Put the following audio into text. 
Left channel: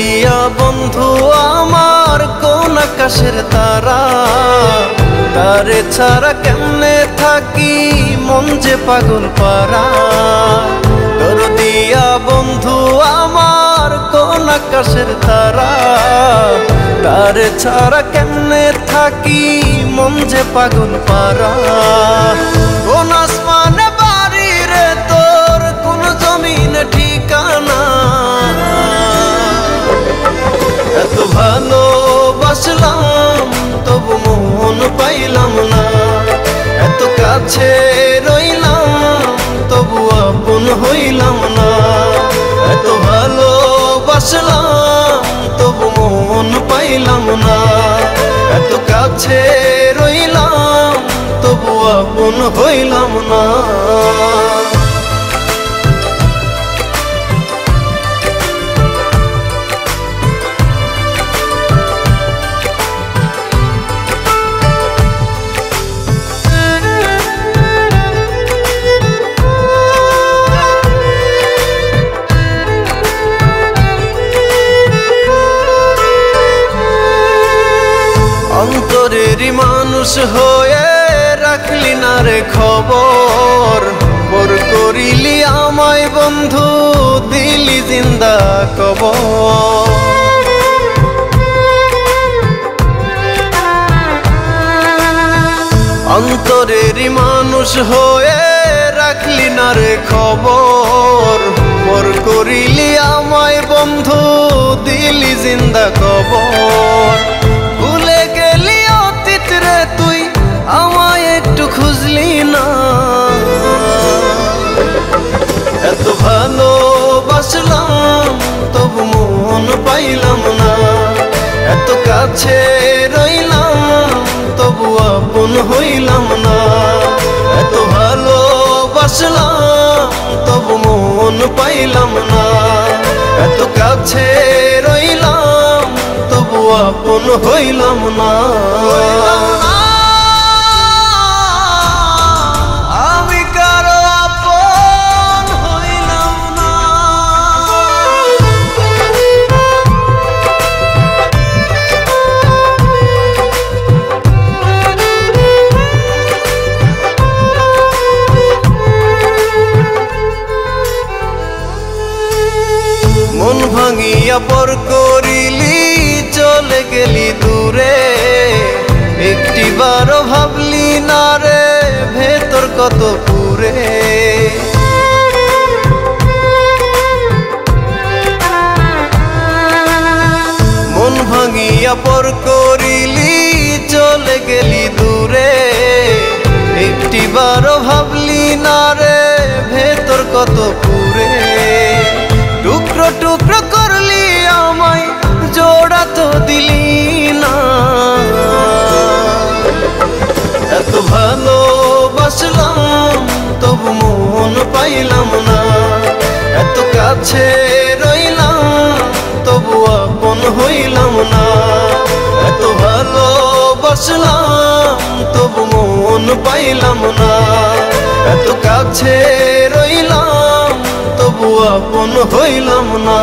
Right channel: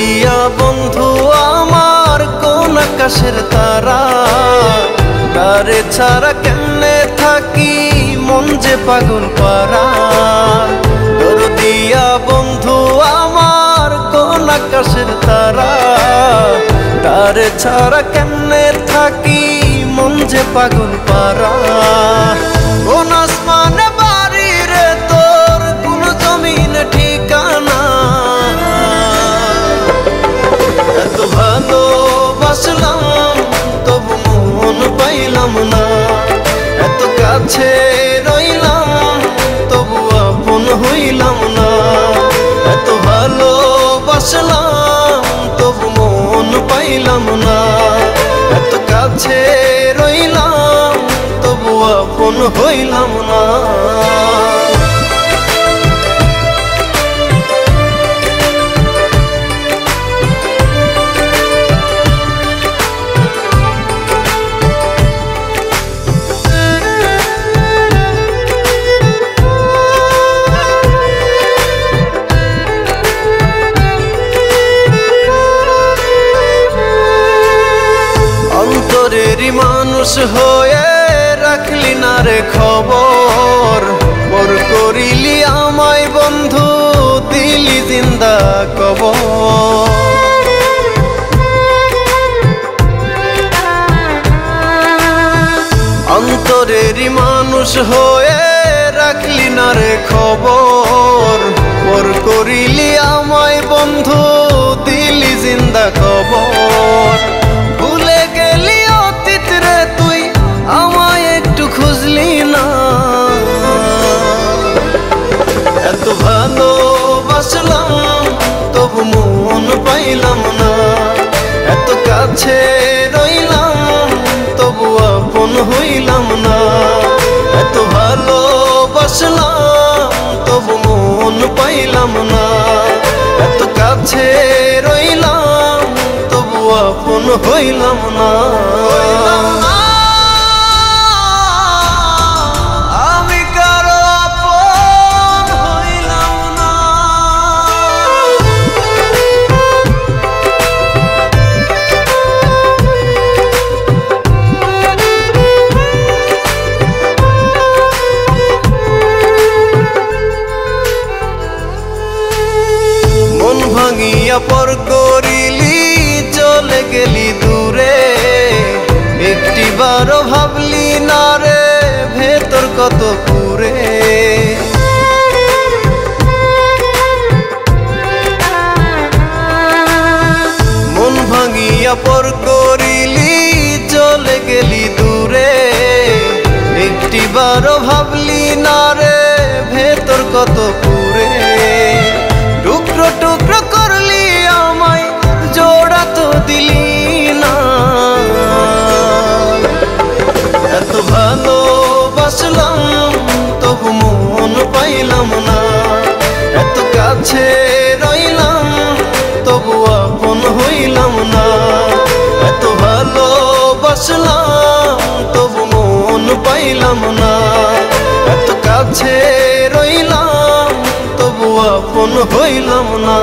দরদিয়া বন্ধু আমার কোন আকাশের তারা, তারে ছাড়া কেমনে থাকি মন যে পাগল পারা। দরদিয়া বন্ধু আমার কোন আকাশের তারা, তারে ছাড়া কেমনে থাকি মন যে পাগল পারা। কোন আসমানে বাড়ি রে তোর, কোন জমিনে ঠিকানা, এত ভালোবাসলাম তবু মন পাইলাম না। এত কাছে রইলাম তবু আপন হইলাম না। এত ভালোবাসলাম তবু মন পাইলাম না। এত কাছে রইলাম তবু আপন হইলাম না। অন্তরেরই মানুষ হয়ে রাখলি না রে খবর, পর করিলি আমায় বন্ধু দিলি জিন্দা কবর। অন্তরেরই মানুষ হয়ে রাখলি না রে খবর, পর করিলি আমায় বন্ধু দিলি জিন্দা কবর। ভুলে গেলি অতীত রে তুই আমায় একটু খুঁজলি না। এত ভালোবাসলাম তবু মন পাইলাম না। এত কাছে রইলাম তবু আপন হইলাম না। এত ভালোবাসলাম তবু মন পাইলাম না। এত কাছে রইলাম তবু আপন হইলাম না। আমি কারো আপন হইলাম না। মন ভাঙিয়া পর করিলি চলে গেলি দূরে, একটিবারও ভাবলি না রে ভেতর কত পুরে। মন ভাঙিয়া পর করিলি চলে গেলি দূরে, একটিবারও ভাবলি না রে ভেতর কত পুরে। টুকরো টুকরো করলি আমায় জোড়া তো দিলি না। এত ভালোবাসলাম তবু মন পাইলাম না। এত কাছে রইলাম তবু আপন হইলাম না। এত ভালোবাসলাম তবু মন পাইলাম না। এত কাছে রইলাম তবু আপন হইলাম না।